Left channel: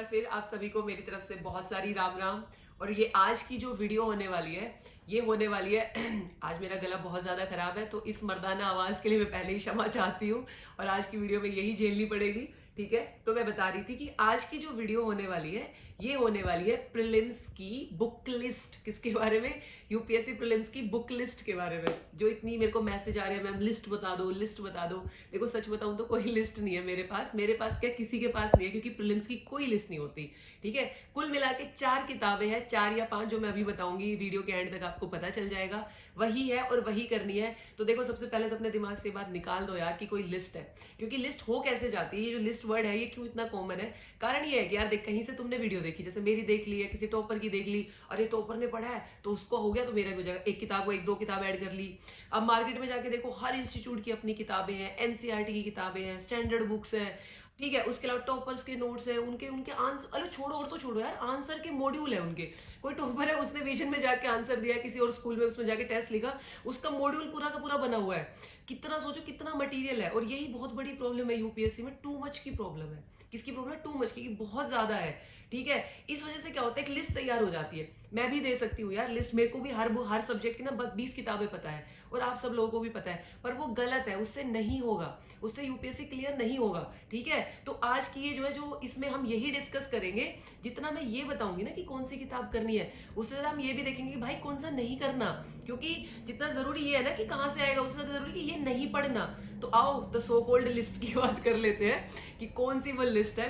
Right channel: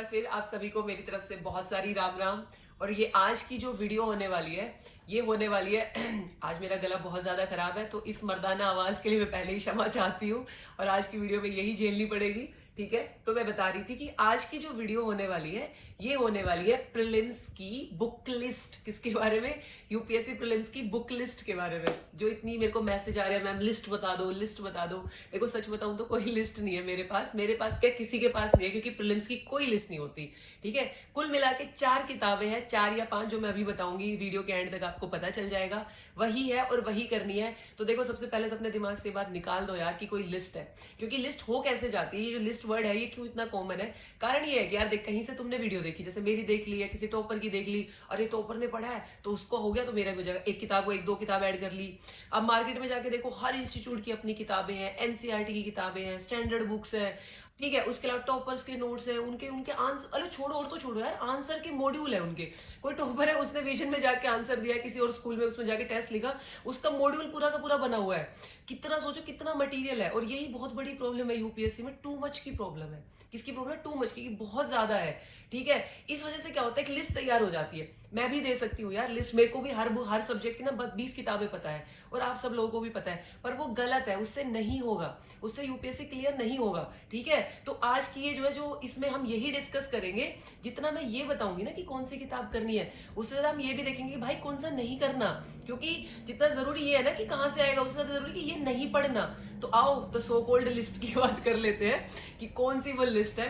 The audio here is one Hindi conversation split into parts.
बार फिर आप सभी को मेरी तरफ से बहुत सारी राम राम। और ये आज की जो वीडियो होने वाली है ये होने वाली है आज मेरा गला बहुत ज्यादा खराब है तो इस मर्दाना आवाज के लिए मैं पहले ही क्षमा चाहती हूँ और आज की वीडियो में यही झेलनी पड़ेगी। ठीक है, तो मैं बता रही थी कि आज की जो वीडियो होने वाली है ये होने वाली है प्रीलिम्स की बुक लिस्ट। किसके बारे में? यूपीएससी प्रीलिम्स की बुक लिस्ट के बारे में। जो इतनी मेरे को मैसेज आ रहे हैं, मैम लिस्ट बता दो, लिस्ट बता दो। देखो सच बताऊं तो कोई लिस्ट नहीं है मेरे पास क्या किसी के पास नहीं है, क्योंकि प्रीलिम्स की कोई लिस्ट नहीं होती। ठीक है, कुल मिला के 4 किताबें हैं, 4 या 5 जो मैं अभी बताऊंगी, वीडियो के एंड तक आपको पता चल जाएगा। वही है और वही करनी है। तो देखो सबसे पहले तो अपने दिमाग से ये बात निकाल दो यार कि कोई लिस्ट है, क्योंकि लिस्ट हो कैसे जाती है। ये जो लिस्ट वर्ड है ये क्यों इतना कॉमन है? कारण ये है कि यार देख, कहीं से तुमने वीडियो देखी, जैसे मेरी देख ली है, किसी टॉपर की देख ली, अरे टॉपर ने पढ़ा है तो उसको हो गया तो मेरा भी हो जाएगा। एक किताब को 1-2 किताब ऐड कर ली। अब मार्केट में जाके देखो हर इंस्टीट्यूट की अपनी किताबें हैं, एनसीईआरटी की किताबें हैं, स्टैंडर्ड बुक्स है। ठीक है, उसके अलावा टॉपर्स के नोट्स है, उनके उनके आंसर, अरे छोड़ो और तो छोड़ो यार, आंसर के मॉड्यूल है उनके। कोई टॉपर है उसने विजन में जाके आंसर दिया है किसी और स्कूल में, उसमें जाके टेस्ट लिखा, उसका मॉड्यूल पूरा का पूरा बना हुआ है। कितना सोचो कितना मटेरियल है। और यही बहुत बड़ी प्रॉब्लम है यूपीएससी में, टू मच की प्रॉब्लम है। किसकी प्रॉब्लम है? टू मच की, बहुत ज्यादा है। ठीक है, इस वजह से क्या होता है, एक लिस्ट तैयार हो जाती है। मैं भी दे सकती हूँ यार लिस्ट, मेरे को भी हर सब्जेक्ट की ना 20 किताबें पता है और आप सब लोगों को भी पता है, पर वो गलत है, उससे नहीं होगा, उससे यूपीएससी क्लियर नहीं होगा। ठीक है, तो आज की ये जो है, जो इसमें हम यही डिस्कस करेंगे। जितना मैं ये बताऊंगी ना कि कौन सी किताब करनी है, उससे ज्यादा हम ये भी देखेंगे कि भाई कौन सा नहीं करना। क्योंकि जितना जरूरी ये है ना कि कहाँ से आएगा, उससे ज्यादा जरूरी कि ये नहीं पढ़ना। तो आओ द सो कॉल्ड लिस्ट की बात कर लेते हैं कि कौन सी वो लिस्ट है।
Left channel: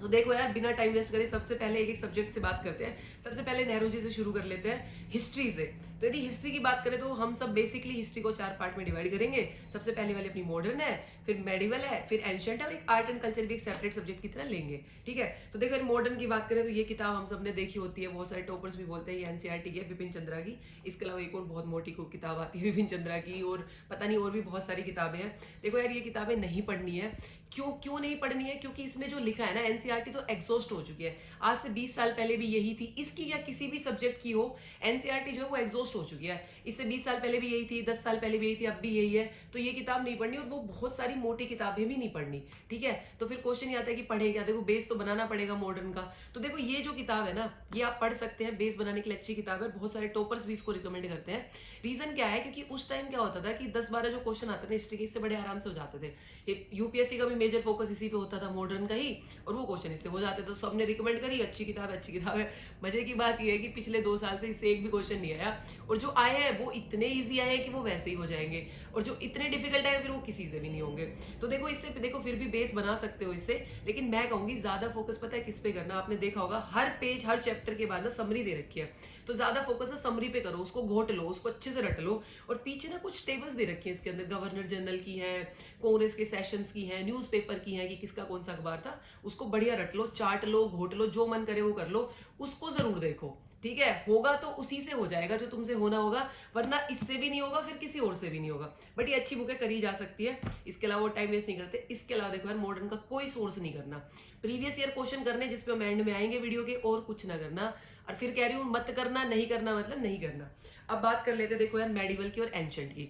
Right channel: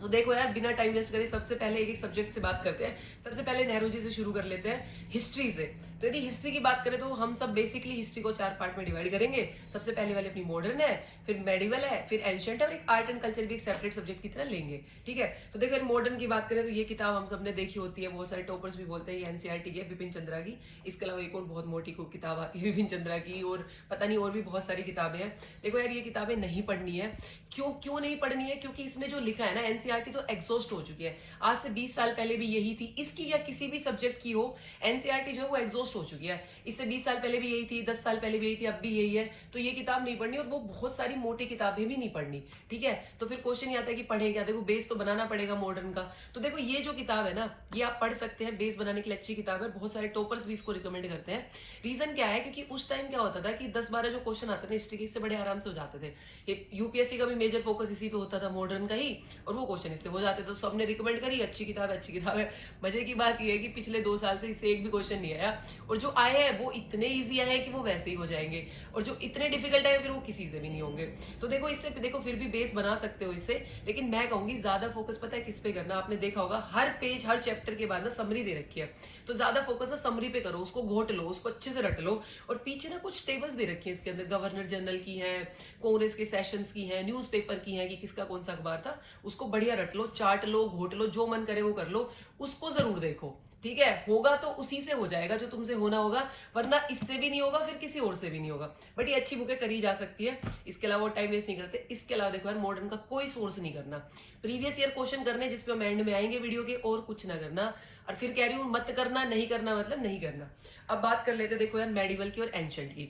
तो देखो यार, बिना टाइम वेस्ट करे सबसे पहले एक एक सब्जेक्ट से बात करते हैं। सबसे पहले नेहरू जी से शुरू कर लेते हैं, हिस्ट्री से। तो यदि हिस्ट्री की बात करें तो हम सब बेसिकली हिस्ट्री को 4 पार्ट में डिवाइड करेंगे। सबसे पहले वाली अपनी मॉडर्न है, फिर मेडिवल है, फिर एंशिएंट है, और एक आर्ट एंड कल्चर भी एक सेपरेट सब्जेक्ट की तरह लेंगे। ठीक है, तो देखो यार, मॉडर्न की बात करें तो ये किताब हम सबने देखी होती है, बहुत सारे टॉपर्स भी बोलते हैं ये एनसीईआरटी की है, बिपिन चंद्रा की। इसके अलावा एक और बहुत मोटी को किताब आती है बिपिन चंद्रा की, और पता नहीं और भी बहुत सारी किताबें हैं। देखो यार, ये किताबें नहीं पढ़नी है। क्यों क्यों नहीं पढ़नी है? क्योंकि इसमें जो लिखा है ना, एनसीईआरटी तो एग्जॉस्ट हो चुकी है। आज से 20 साल पहले भी यही थी, इसकी या किसी भी सब्जेक्ट की हो, एनसीईआरटी जो है वो एग्जॉस्ट हो चुकी है। इससे 20 साल पहले भी यही थी, 10 साल पहले भी यही थी, अब भी यही है। तो ये किताब नहीं पढ़नी, और वो बहुत सारी मोटी किताबें भी नहीं पढ़नी। ठीक है, तो फिर क्वेश्चन ये आता है कि पढ़े क्या? देखो बेस तो बनाना पड़ेगा मॉडर्न का। तो देखो ये जो किताब है ना, ये आप पढ़ सकते हैं, बेस बनाने के लिए अच्छी किताब है। बहुत सारे टॉपर्स भी इसको रिकमेंड करते हैं। रीजन क्या है? क्योंकि उस टाइम क्या होता था कि 10-12 जो क्वेश्चन आते थे हिस्ट्री के, इससे बड़े आराम से हो जाते थे। यूपीएससी का भी मेजर फोकस इसी पे होता था, मॉडर्न का ही, और वो क्वेश्चन इससे हो जाते थे। तो सबने रिकमेंड करी, अच्छी किताब है, अच्छी किताब है। मजे की बात ये है कि पिछले 2 साल से इससे एक भी क्वेश्चन नहीं आया, और जो आए हैं वो इतने ईजी आए हैं कि वो वैसे ही हो जाएंगे, और जो इतने डिफिकल्ट आए फिर वो किसी से भी नहीं होंगे। तो देखो इससे देखो फिर भी बेस बना सकते हो इससे, लेकिन मैं कहूंगी ज्यादा फोकस पता है किस पे करना। आपने देखा होगा हर पेज हर चैप्टर के बाद ना समरी दे रखी है, तो ज्यादा फोकस ना समरी पे करो, उसको घोट लो, उसको अच्छे से रट लो। और पीछे ना कुछ टेबल्स दे रखी है इसके अंदर, गवर्नर जनरल की है, कांग्रेस के सेशंस की है, न्यूज़पेपर की है कि किसका कौन सा अखबार था, उसको बढ़िया रट लो, चाट लो, घोट लो, जो मन करे वो कर लो, उसको जरूर देखो। ठीक है, होगा तो उसी से हो जाएगा जो तुमसे होना होगा, वरना इससे भी नहीं होगा, फिर किसी और से भी नहीं होगा। बट ये अच्छी बुकें करी जा सकती है, इसके अलावा टाइम वेस्ट नहीं करते। इसके अलावा देखो यार, मॉडर्न का कोई सोर्स नहीं करना, प्रीवियस ईयर क्वेश्चन करने जिसपे हम एंड में आएंगे वीडियो के, और कुछ ना करना। और फिर कह रही हूँ मत करना, नहीं करना मतलब नहीं करना। अब बात कर लेते देखो यार मेडिवल की और एंशिएंट की।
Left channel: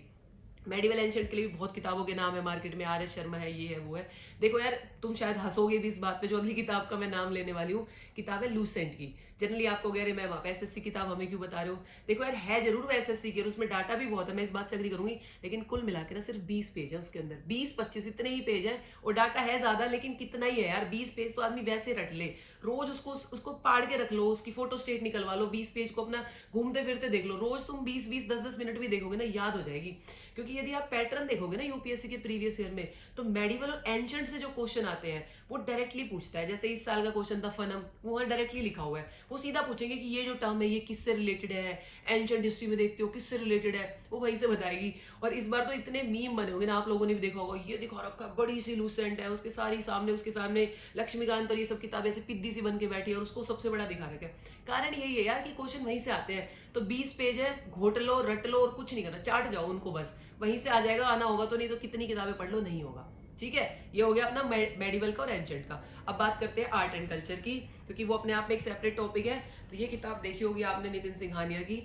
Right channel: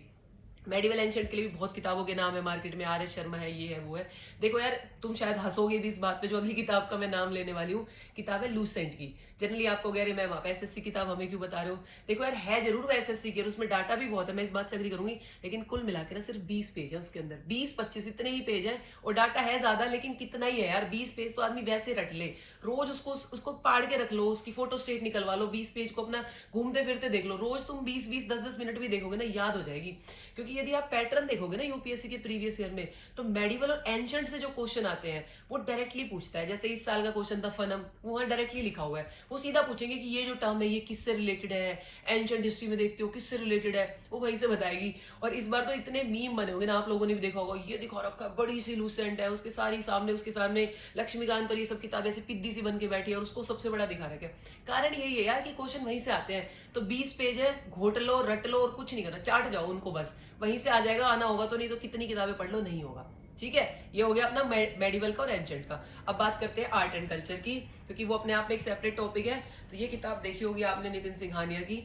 मेडिवल एंशिएंट के लिए भी बहुत किताबों के नाम है मार्केट में, आर एस शर्मा है, ये है वो है। देखो यार, तुम शायद हंसोगे भी इस बात पे, जो अगली किताब का मैं नाम लेने वाली हूँ, किताब है लूसेंट की। जनरली आपको कह रहे मैम आप एसएससी किताब हमें क्यों बता रहे हो? देखो यार, है जरूर एसएससी की, उसमें डाटा भी बहुत है, मैं इस बात से एग्री करूंगी, लेकिन कुल मिला के ना सिर्फ 20 पेज है उसके अंदर, 20-25 इतने ही पेज है, और डाटा है ज्यादा, लेकिन कितना ही है यार, 20 पेज तो आदमी वैसे रट ले। रोज उसको पाड़ के रख लो, उसकी फोटो स्टेट निकलवा लो, 20 पेज को अपना घूमते फिरते देख लो, रोज तुम 20-20 10-10 मिनट भी देखोगे ना, याद हो जाएगी। क्योंकि यदि आप पैटर्न देखोगे ना यूपीएससी के प्रीवियस ईयर में, तो मेडिवल और एंशिएंट से जो क्वेश्चन आते हैं वो डायरेक्टली पूछता है। जैसे इस साल का क्वेश्चन था फनम, वो डायरेक्टली लिखा हुआ है, वो सीधा पूछेंगे कि ये जो टर्म है ये किससे रिलेटेड है, एंशिएंट हिस्ट्री में देखते हो किससे रिलेटेड है, वो वहीं से बताएगी। और इस बार तो इतने मीम बने होंगे ना, आप लोगों ने भी देखा होगा, ये दिखा रखा है बड़ी सी लूसेंट है, उसके सामने लक्ष्मीकांत और ये सब किताबें से पिद्दी सी बन के बैठी है, और उसको सबसे बड़ा दिखा रखा है। कारण यही है यार कि क्वेश्चन वहीं से आते हैं। तो 20 पेज है, घोट लो, रट लो, और कुछ नहीं करना, चाट जाओ उनको, बस वहीं से आ जाएगा। आना होगा तो, नहीं तो कितनी किताबें पढ़ लो नहीं होगा। ठीक है, ये हो गया अपना मेडिवल का और एंशिएंट का। अब बात करते हैं आर्ट एंड कल्चर की, क्योंकि वो अपने आप में एक सेपरेट टॉपिक है। तो ये किताब देखी होगी आपने, नितिन सिंघानिया की।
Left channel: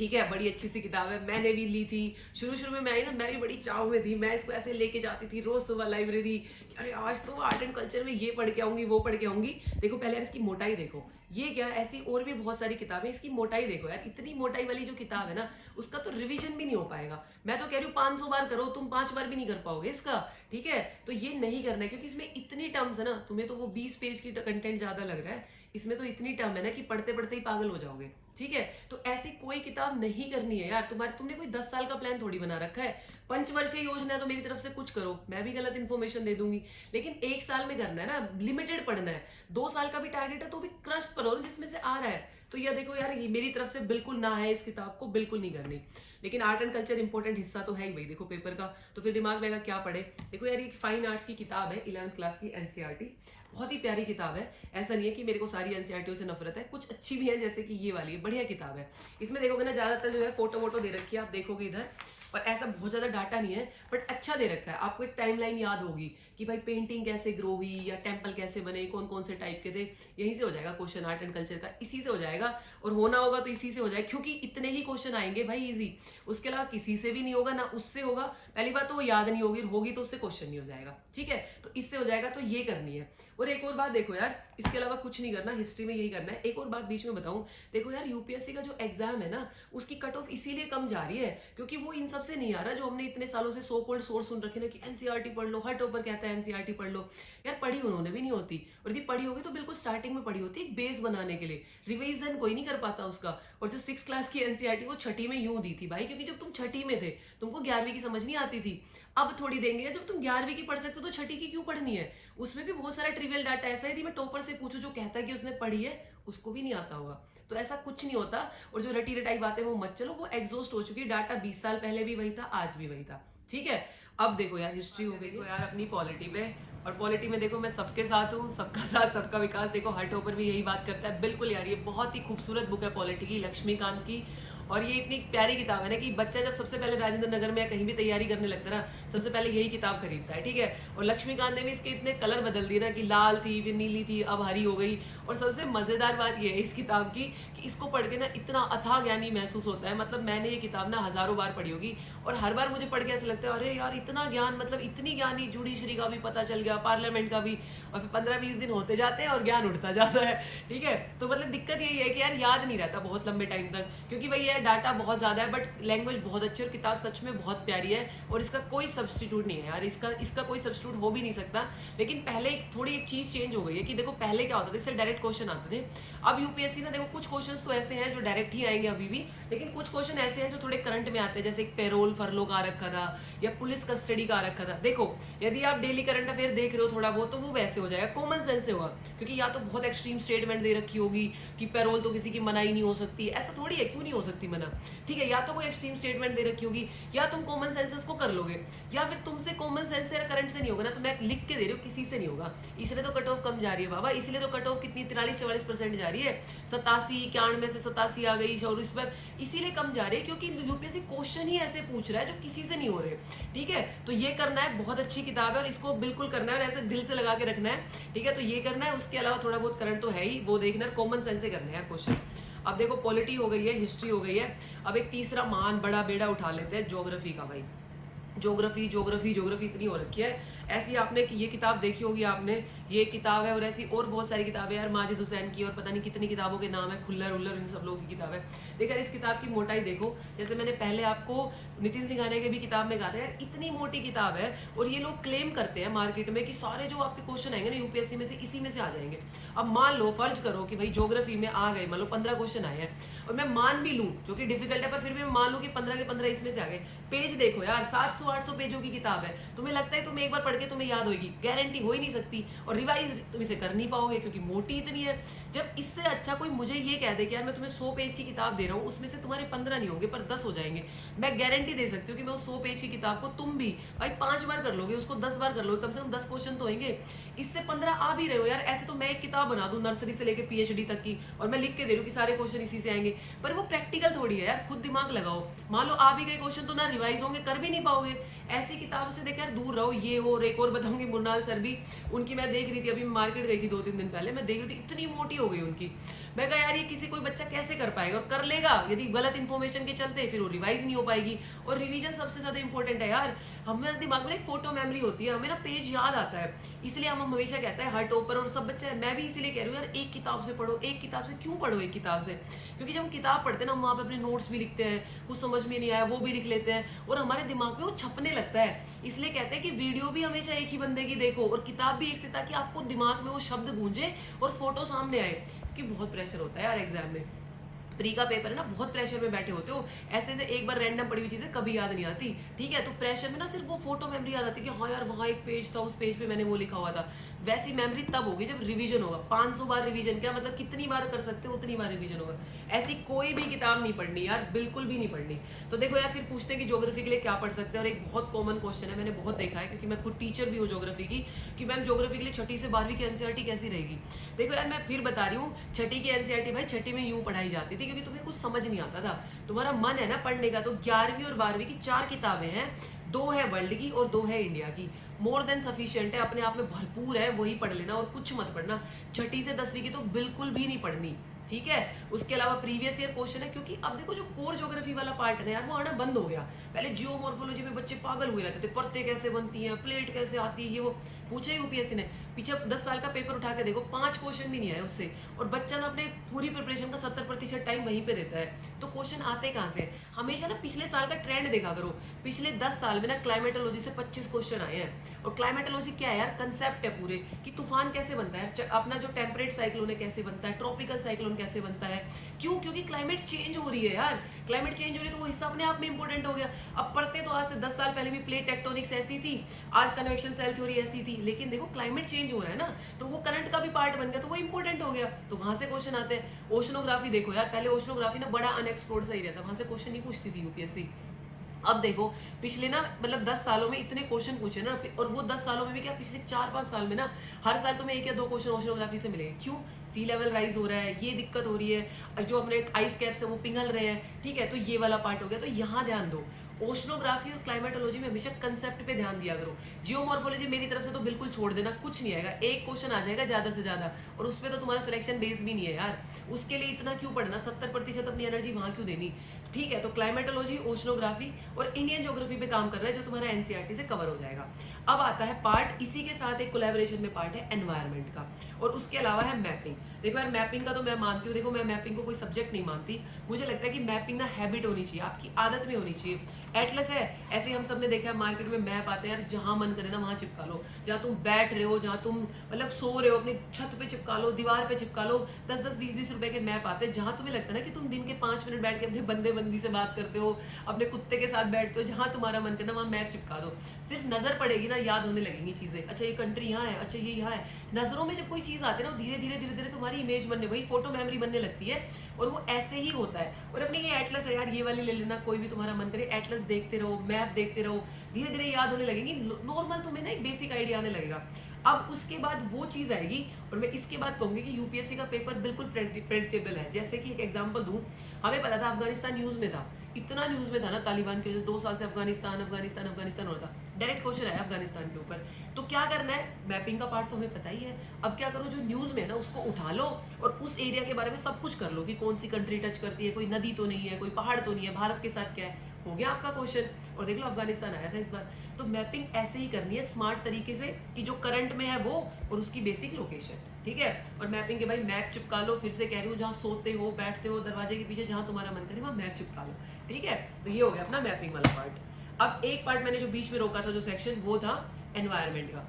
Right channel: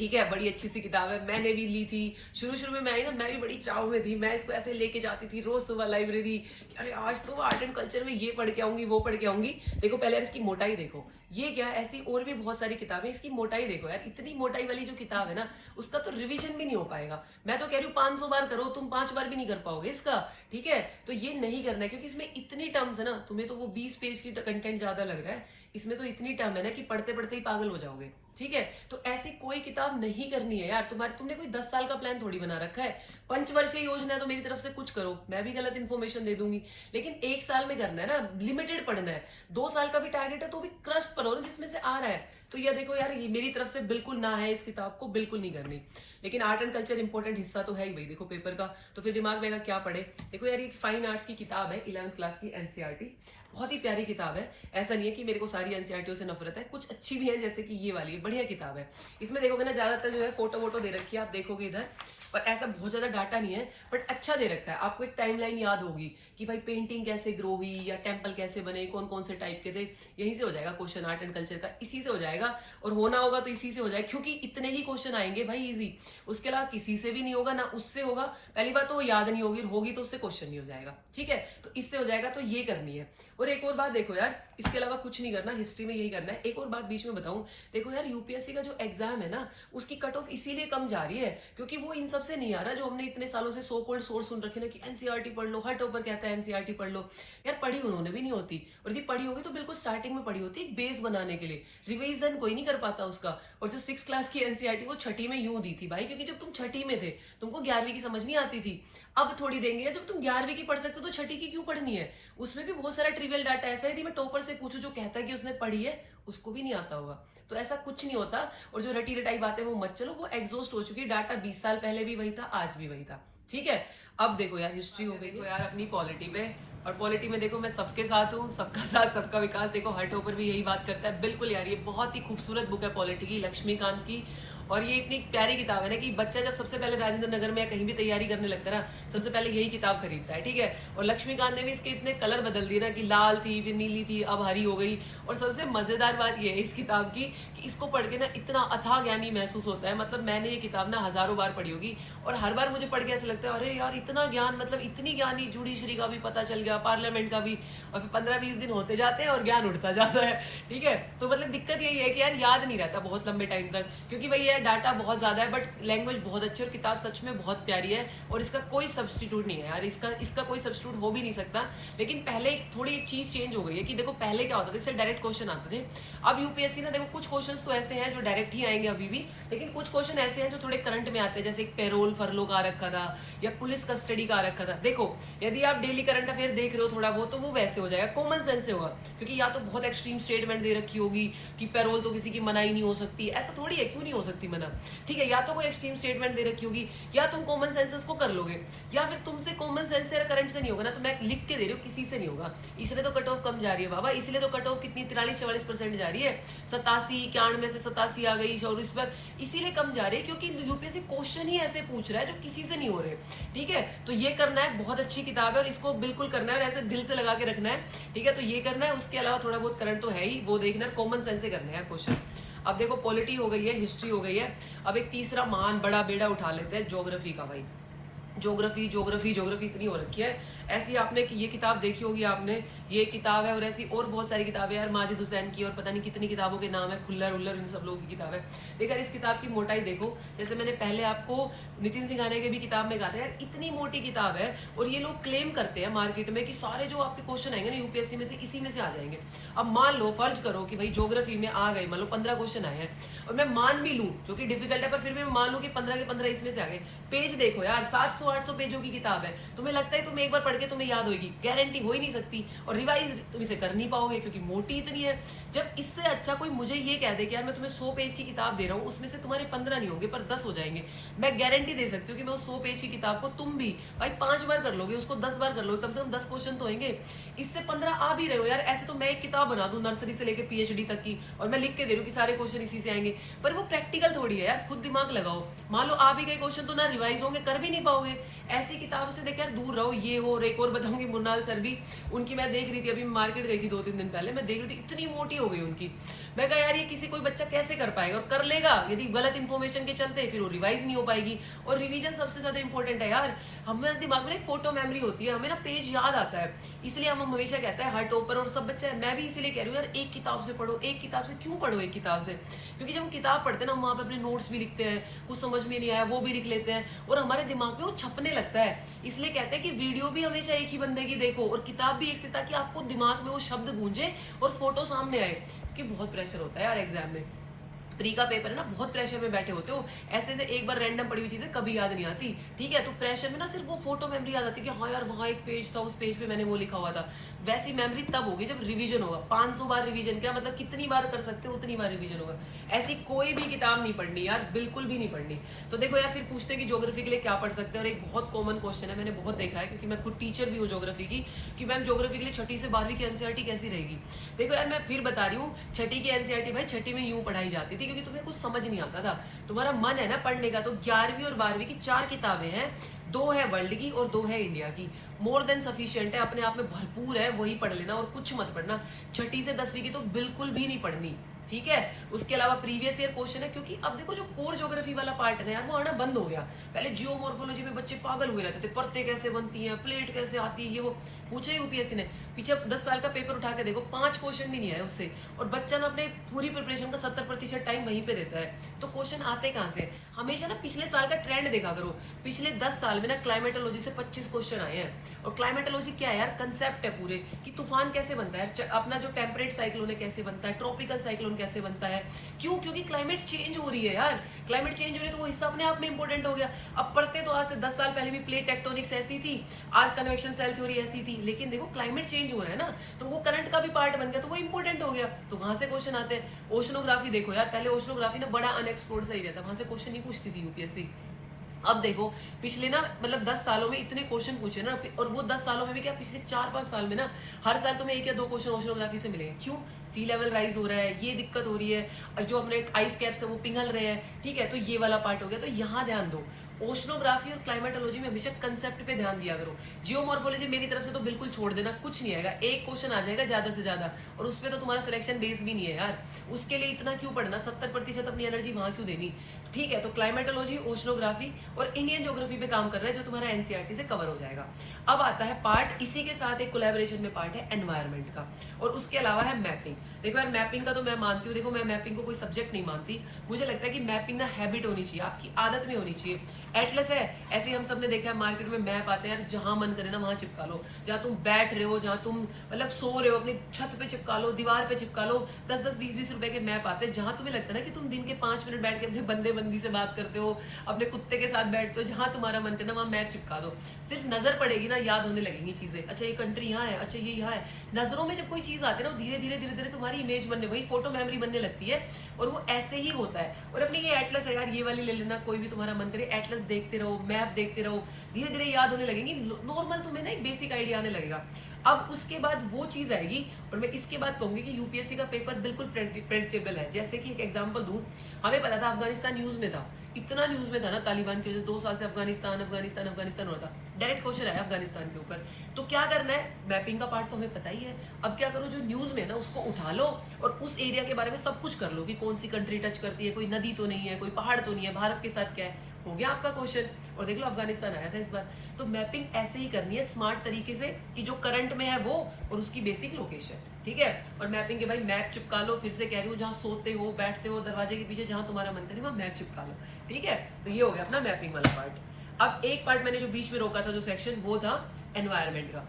ठीक है, बड़ी अच्छी सी किताब है, मैंने भी ली थी। शुरू शुरू में मैं भी बड़ी चाव में थी, मैं इसको ऐसे लेके जाती थी रोज सुबह लाइब्रेरी। अरे आज तो आर्ट एंड कल्चर में ये पढ़ के आऊंगी, वो पढ़ के आऊंगी। देखो पहले यार इसकी मोटाई देखो, ये क्या ऐसी और भी बहुत सारी किताबें, इसकी मोटाई देखो यार, इतनी मोटाई वाली जो किताब है ना, उसका तो रिवीजन भी नहीं हो पाएगा। मैं तो कह रही हूँ 500 बार करो, तुम 5 बार भी नहीं कर पाओगे इसका। ठीक है, तो ये नहीं करना है, क्योंकि इसमें इतनी टर्म्स है ना, तुम्हें तो वो 20 पेज की कंटेंट ज्यादा लग रहा है, इसमें तो इतनी टर्म है ना कि पढ़ते पढ़ते ही पागल हो जाओगे। ठीक है, तो ऐसी कोई किताब नहीं करनी है यार। तुमने कोई 10 साल का प्लान थोड़ी बना रखा है। पंचवर्षीय योजना है तो मेरी तरफ से कुछ करो, मैं भी गलत इन्फॉर्मेशन दे दूंगी, लेकिन 1 साल में करना है ना, लिमिटेड पढ़ना है। 2 साल का भी टारगेट है तो भी क्रस्ट पढ़ो ना, जिसमें से आ रहा है। तो ये देखो यार, ये मेरी तरफ से बिल्कुल ना है, इस किताब को बिल्कुल नहीं करनी। लेकिन आर्ट एंड कल्चर इंपॉर्टेंट हिस्सा तो है ही भाई, देखो पेपर का। तो फिर दिमाग में आएगा क्या पढ़े। देखो यार, ये फाइन आर्ट्स की किताब है, 11th क्लास की एनसीईआरटी, बहुत ही प्यारी किताब है। ऐसा नहीं है कि मेरे को सारी एनसीईआरटीओ से नफरत है, कुछ अच्छी भी है, जैसे कि ये वाली है, बढ़िया किताब है। इसमें देखोगे ना, ज्यादातर जो है फोटो वोटो दे रखी है, आप देखोगे इधर, और ऐसा बहुत ज्यादा डाटा नहीं है, बट अच्छा दे रखा है। आपको एक टाइमलाइन याद होगी कि भाई पेंटिंग कैसे ग्रो हुई, या टेम्पल कैसे बने, कौन कौन से टाइप के थे। यहीं से हो जाएगा क्वेश्चन आर्ट एंड कल्चर का, इसी से हो जाएगा, और होना होगा तो इसी से हो जाएगा, क्योंकि इतने ही क्वेश्चन आएंगे भाई इजी। उसके अलावा किसी से भी नहीं होगा, ना उससे होगा। पहली बात तो वो याद नहीं होगी तो उससे क्वेश्चन नहीं हो जाएगा। ठीक है, तो इससे हो जाएगा, तो ये करनी है। और एक और बात देखो यार, इसके अलावा कुछ नहीं करना, हिस्ट्री में यही करना है। एक और बात बीच में बताऊं, देखो यार, यूपीएससी का जो एग्जाम है ना, उसकी कट ऑफ इसीलिए कम जा रही है क्योंकि वो इन सब से नहीं आ रहा, जो हमने इतने सालों से सो कॉल्ड सोर्स सुन रखे ना कि एनसीईआरटी पढ़ लो, हर टॉपर कहता है एनसीईआरटी पढ़ लो। यार पढ़ी उन्होंने भी नहीं होती, और यदि पढ़ी होगी तो बिल्कुल स्टार्टिंग में पढ़ी होती, बेस बनाने के लिए। रिवीजन कोई नहीं कर पाता उसका। और जो 6th क्लास की एनसीईआरटी वो छठी में यूं दी थी भाई, क्योंकि जब तुम छठी में थे तुमको 11वीं की समझ नहीं आती थी। अब थोड़ी देंगे, जब तुम 11वीं की पढ़ सकते हो तो छठी की क्यों पढ़नी है। उसमें भी बहुत सारा ट्रिवियल डाटा ऐसा है, मैं टॉपर से पूछूं जो कहता है कि उसने पढ़ी है, उसको भी नहीं आता होगा। तो ऐसा कुछ नहीं होता। और जो रटी रटाई बातें वो मत चलो, वो एग्जॉस्ट हो चुकी है। डाटा 20 साल पहले भी वही था, आज भी वही था। ठीक है, अब देखो यार, हिस्ट्री हो गई, देखो यार अपनी पॉलिटी पे। और पॉलिटी में देखो, मैं सबके साथ हूँ, सबका साथ सबका विकास। देखो हर टॉपर भी यही बात करता है। बिल्कुल यार, ये बहुत ही खूबसूरत बुक है पॉलिटी की, लक्ष्मीकांत की। और ये इतनी प्यारी किताब है ना कि बच्चा जब सबसे पहले राजेंद्र नगर में या कहीं भी तैयारी करने लगता है ना, सबसे पहले यही किताब खरीदता है। ठीक है, और लक्ष्मीकांत ने भी इसके इतने कलर बदल दिए ना कि लाल थी, फिर नीली थी, अब हरी हो गई। और सबसे मजेदार बात ये है इस किताब की कि इसको पढ़ के ना इतना अथाह ज्ञानी महसूस होता है। मतलब मैंने ये किताब ना हजारों बार पढ़ी होगी, और हर बार मुझे पढ़ के ऐसा लगता है अरे यार इतना ज्ञान, मतलब इतनी ज्ञानी, जुडिशरी का भी पता चल गया, पार्लियामेंट का भी। और फिर 15-20 दिन होते जाते हैं और ज्ञान उठता जाता है। ठीक है, तो मतलब दिक्कत यही है कि यार याद नहीं रहता बहुत लंबे टाइम तक, क्योंकि भाई ये डाटा बहुत ज्यादा है, बट लैंग्वेज बहुत अच्छी है, और किताब सच में बहुत प्यारी है। और इसका कोई सब्स्टिट्यूट नहीं है यार, इसका कोई सब्स्टिट्यूट हो भी नहीं सकता। लेकिन पहले थोड़ी एक चीज चेंज हो गई है कि देखो पहले क्या होता था, इससे डायरेक्ट क्वेश्चन आते थे। अब यूपीएससी ने देखो कुछ क्वेश्चन तो ऐसे हैं जो डायरेक्ट ही आएंगे अभी भी, लेकिन कुछ क्वेश्चन ऐसे हैं जो थोड़े करंट में आते हैं, जैसे एक पेरोल फरलो का रखा था, या पुलिस कस्टडी का रखा था। देखो यदि आप डेली करंट अफेयर देख रहे हो थोड़ा बहुत, तो वो वैसे हो जाएगा, कॉमन सेंस से होगा। क्योंकि या तो बहुत एक्सट्रीम स्टेटमेंट दे रखी होगी कि पेरोल तो किसी की मना ही नहीं हो सकती, ऐसा थोड़ी है, क्यों नहीं हो सकती मना। ठीक है, या तो कोई एक्सट्रीम स्टेटमेंट दे रखी होगी, या तुम कॉमन सेंस उसको कर लोगे, या फिर तुमसे कॉमन सेंस या करंट से नहीं होगा ना, तो मैं लिख के दे रही हूँ, किसी से नहीं होगा। इसलिए तो कट ऑफ कम जा रही है बाबा, इसलिए तो कट ऑफ कितनी 43-44% जा रही है। 87, 91 से 87 आ गई, और इस पर इसीलिए कम जा रही है क्योंकि यूपीएससी क्वेश्चन ही ऐसे पूछ रहा है जो किसी से नहीं हो रहे। ठीक है, तो ये करना है, बहुत अच्छी किताब है और इसको बिल्कुल करना है, और ऐसे दिल से लगा के रखना है। ठीक है, तो ये करना है। उसके अलावा थोड़ा बहुत करंट तो है ही, वो देखना है, कॉमन सेंस से करना है क्वेश्चन। अब देखो पॉलिटी हो गई है, हिस्ट्री हो गई है, अब एक तीसरा महान बड़ा बेड़ा उठा लेते हैं, ज्योग्राफी का। भाई ज्योग्राफी ज्योग्राफी ज्योग्राफी इतनी हो रखी है। ऐसी आपने ये किताब देखी होगी आपने, ये किताब है, और ऐसी और बहुत सारी किताबें यार, माजिद हुसैन की, और पता नहीं कितनी किताबों के नाम है, खुल्लर उल्लर, इन सब लोगों की किताब है। देखा इस किताब की मोटाई देखो, जैसे मैंने पहले आपको नितिन सिंघानिया के भी किताब में कहा था यार, इतनी मोटी किताब है, और ये लोग क्लेम करते हैं मार्केट में कि सारे जो आपके क्वेश्चन आएंगे ना यूपीएससी में से, इसी में से आ जाएंगे। अब मान लो, फर्ज करो कि भाई ज्योग्राफी में आ गए, मान लो 15 क्वेश्चन आए हैं, और मैं मान भी लूं, जो कि डिफिकल्ट है, पर फिर भी मैं मान लूं कि 15 के 15 इसमें से आ गए। पेज देखो यार, 700-800 पेजों की किताब है। तुम्हें लगता है तुम एक बार पढ़ के तुम्हें याद होगी? गारंटी हो ही नहीं सकती। और रिवाइज तुम इसे कर नहीं पाओगे क्योंकि मोटी इतनी है। जब इससे अच्छा कोई मुझे ये कह दे कि यार मैं तुम्हें 100 पेज की किताब दे रहा हूँ, उसमें से तुम्हारे 15 नहीं होंगे पर 10 हो जाएंगे, मैं गारंटी दे सकती हूँ कि मैं उस 100 पेज की किताब को तुम भी भाई 5 बार कर लोगे, उसको 10 बार कर लोगे, कम से कम 10 क्वेश्चन तो होंगे। इससे 15 आ भी रहे हो यार। ऐसे तो मैं एक किताब बना दूं नर्सरी से लेकर पीएचडी तक की, और मैं लिख के दे रही हूँ कि सारे क्वेश्चन इसी से आएंगे, पर वो प्रैक्टिकल थोड़ी है यार, खुद दिमाग लगाओ। मान लो आ भी गए क्वेश्चन, तो ना रिवाइज होंगे, कर भी नहीं पाओगे। ऐसी किताब से देख यार दूर रहो। ये हो रहे एक और बताऊंगी, मुन्नाल सर भी, उनकी मैं देख रही थी, अभी मार्केट गई थी 2-3 दिन पहले, मैं देख रही थी इतनी मोटी हो गई उनकी। मैं कहा यार ये किसी कोई बच्चा कैसे कर पाएगा, और कर लेगा यदि गलत इन्फॉर्मेशन के चलते फिर वो रिवाइज नहीं हो पाएगी। और रिवीजन सबसे ज्यादा इंपॉर्टेंट है यार। हमें दिमाग में एक फोटो मेमोरी होती है, हमें ना पेज याद आता है, इसलिए हम हमेशा कहते हैं हर टॉपर और सब बच्चे, मैं भी इसीलिए कह रही हूँ यार एक किताब से पढ़ो। एक किताब से क्यों पढ़ो? एक किताब से क्योंकि जब हम किताब पढ़ते हैं ना, हम वहाँ पे अपने नोट्स भी लिखते हैं, कुछ समझ में नहीं आया वो भी लिख लेते हैं, और हमारे दिमाग में वो छपने लगता है। इसलिए कहते हैं कि वीडियो भी हमेशा एक ही बंदे की देखो और किताब भी एक से, ताकि आपको दिमाग में वो शब्द गूंजे और फोटो सामने आए। क्योंकि बहुत प्रेशर होता है यार एग्जाम में, प्री का पेपर है ना, बहुत प्रेशर में बैठे होते हो, ऐसे से एक बार रैंडम पड़ी हुई चीजें कभी याद नहीं आती, ठीक है। तो प्रेशर में ना सिर्फ वो फोटो मेमोरी याद आती है कि हाँ यार वहाँ एक पेज था, उस पेज पे मैंने वो लिखा हुआ था। वैसी मेमोरी तब होगी जब रिवीजन होगा। 500 बार रिवीजन, क्या मतलब कितनी बार कर सकते हो उतनी बार रिवीजन होगा। ऐसी कोई भी किताब नहीं पढ़नी यार, बिल्कुल भी नहीं पढ़नी। तो देखो यार, फिर पूछते हैं कि ज्योग्राफी के लिए क्या पढ़ सकते हैं, और एक बहुत कॉमन क्वेश्चन है, मैंने बहुत देखा है क्योंकि मैं खुद टीचर भी हूँ ज्योग्राफी की, कि मैम ज्योग्राफी के लिए 6ठी से 12वीं की एनसीईआरटी कैसी रहेगी। देखो यार, मैं फिर बता रही हूँ, 6ठी की एनसीईआरटी भाई 6ठी में यूं पढ़ाई जाती थी क्योंकि तुम्हें कुछ समझ नहीं आता था, तुम्हारा मन है ना पढ़ने का। तो 11वीं और 12वीं की 4 किताबें हैं, 2 है वर्ल्ड की और 2 है इंडिया की, मोर देन सफिशिएंट है, अपने आप में भरपूर है, वही पढ़ लेना और कुछ मत पढ़ना। 6ठी से 10वीं की तो बिल्कुल भी नहीं पढ़नी, ठीक है। उसके अलावा प्रीवियस ईयर क्वेश्चन है, क्योंकि अब देखो जो कोर ज्योग्राफी वाला पार्ट है यार, वो आना बंद हो गया। पहले जियोमॉर्फोलॉजी में बच्चे पागल हुए रहते थे, परतें कैसे बनती हैं, प्लेट कैसे आती है, ये वो पूछे यूपीएससी ने। पीछे 10 साल का पेपर उठा के देखो, 5 क्वेश्चन भी नहीं आए उससे, और बच्चा ना अपने पूरी प्रिपरेशन का 70% टाइम वहीं पे रहता है। तो क्वेश्चन आते कहाँ से? हमेशा ना पिछले साल का ट्रेंड देखा करो। पिछले 10 साल में ना क्लाइमेटोलॉजी से 25 क्वेश्चन आए हैं। और क्लाइमेटोलॉजी क्या है यार? कंसेप्ट है पूरे कि तूफान कैसे बनता है, अपना जो टेम्परेट साइक्लोन है कैसे बनता है, ट्रॉपिकल साइक्लोन कैसे बनता है। क्यों? क्योंकि क्लाइमेट चेंज हो रही है यार, क्लाइमेट चेंज हो रही है, तो वो हिस्सा अपने आप में इंपॉर्टेंट हो गया। अब पढ़ते तो आज से 10 साल पहले भी प्लेट टेक्टोनिक्स ऐसी थी, आज कन्वेक्शन सेल थ्योरी ऐसी थी, लेकिन देखो क्लाइमेट चेंज हो रहा है ना, तो वो करंट का भी पार्ट बन गया, तो वो इंपॉर्टेंट हो गया। तो वहां से क्वेश्चन आते हैं। ओशनोग्राफी देखो यार, पहले ओशनोग्राफी ना बड़ा अनएक्सप्लोर्ड सही रहता, वहां से क्वेश्चन नहीं पूछती थी यूपीएससी। अब देखो पिछले ना मतलब 10 सालों में इतने क्वेश्चन पूछे ना, और वो 10 सालों में भी क्या, पिछले 4-5 साल में ना हर साल तुम्हें 1 या 2 क्वेश्चन ओशनोग्राफी से मिलेंगे। क्यों? सी लेवल राइज हो रहा है, ये दिक्कत हो रही है, जो अपने आइस कैप्स है वो पिघल रहे हैं, ठीक है। तो ये वाला पार्ट हो गया, तो यहाँ ध्यान दो। ओशनोग्राफी और क्लाइमेटोलॉजी में हमेशा कंसेप्ट पे ध्यान दिया करो। जियोमॉर्फोलॉजी मेरी तरफ से तो बिल्कुल छोड़ देना, कुछ नहीं आएगा, एक क्वेश्चन आ जाएगा ज्यादा से ज्यादा, और उसमें तो तुम्हारा सिलेक्शन बेस भी नहीं है यार। उसके लिए इतना क्यों पढ़ना, 70% अपनी एनर्जी वहां क्यों देनी, ठीक है। तो क्लाइमेटोलॉजी, ओशनोग्राफी और इंडियन ज्योग्राफी पे काम करना है, जो तुम्हारा एनसीईआरटी से कवर हो जाएगा। अब आता है पार्ट, इसी के साथ एक कोलैबोरेशन में पार्ट है एनवायरनमेंट का, और उसके अलावा है मैपिंग। देखो यार, मैपिंग का तो मैं मानती हूँ, देखो मैं मैपिंग को कोई सब्जेक्ट नहीं मानती, मुझे लगता है कि मैपिंग ना हैबिट होनी चाहिए, आपकी आदत में होनी चाहिए। एटलस है, ऐसे ही हम सबने देखा है मार्केट में मैप आते हैं यार, जहां मन करे ना वहां चिपका लो, जहां तुम बैठ रहे हो, जहां तुम मतलब सो रहे हो, अपनी छत पे चिपका लो, दीवार पे चिपका लो। 10-10, 20-20 रुपए के मैप आते हैं, जहां तुम्हें लगता है ना कि तुम दिन के 5 मिनट बैठ के अपने बंदे बंदी से बात करते हो, अपने कुत्ते के साथ बैठते हो, जहां तुम्हारा मन करे ना वहां मैप चिपका दो। सिर्फ नजर पड़ेगी ना, याद होने लगेंगी चीजें, अच्छा ये कंट्री यहाँ है, अच्छा ये यहाँ है। नजरों में जब कोई चीज आती है ना, धीरे धीरे धीरे धीरे तुम्हारी इमेज बनने, वही फोटो मेमोरी बनने लगती है, और वो ऐसे ही होता है। और अपनी ये एटलस है यार, ये वाली ले लेना, कोई भी तुम्हारा मन करे, एटलस देखते रहो, मैप देखते रहो, धीरे धीरे याद होने लगेगी, नॉर्मल तुम्हें ना एक बेसिक आइडिया आने लगेगा। अब उसके बाद वो चीज आएगी, और मैं इसके बाद कहूंगी कि यूपीएससी का पेपर बिल्कुल प्रेडिक्टेबल है। जैसे कि एक एग्जांपल दूं, हमें पता था अफगानिस्तान न्यूज में था, इतना न्यूज में था ना तालिबान की वजह से, 2 साल से अफगानिस्तान अफगानिस्तान अफगानिस्तान हो रहा था, डायरेक्ट क्वेश्चन आया अफगानिस्तान के ऊपर। तो क्या करना है, मैपिंग का पार्ट तो हमें पता ही है, अब क्या करो, जो न्यूज में ना उसको उठा लो और उस एरिया के बारे में सब कुछ कर लो, कि कौन सी कंट्री टच करती है, कोई नदी तो नहीं है, कोई पहाड़ तो नहीं है, भारत के साथ क्या है, हो गया आपका क्वेश्चन। और देख लो अफगानिस्तान आया था इस बार। तो मैपिंग ऐसे ही करनी है स्मार्ट तरीके से, कि जो करंट में है वो, और उसकी बेसिक लोकेशन, ठीक है। और मैपिंग के भाई मैप चिपका लो, फिर से कह रही हूँ, जहाँ सोते हो, बैठते हो, दरवाजे के पीछे जहां तुम्हारा मन करे वहां मैप चिपका लो, ठीक है। तो ये हो गया अपना मैपिंग वाला पार्ट। अब एक पार्ट मैंने जो बीच में रोका था, जो सेक्शन, वो था एनवायरमेंट का।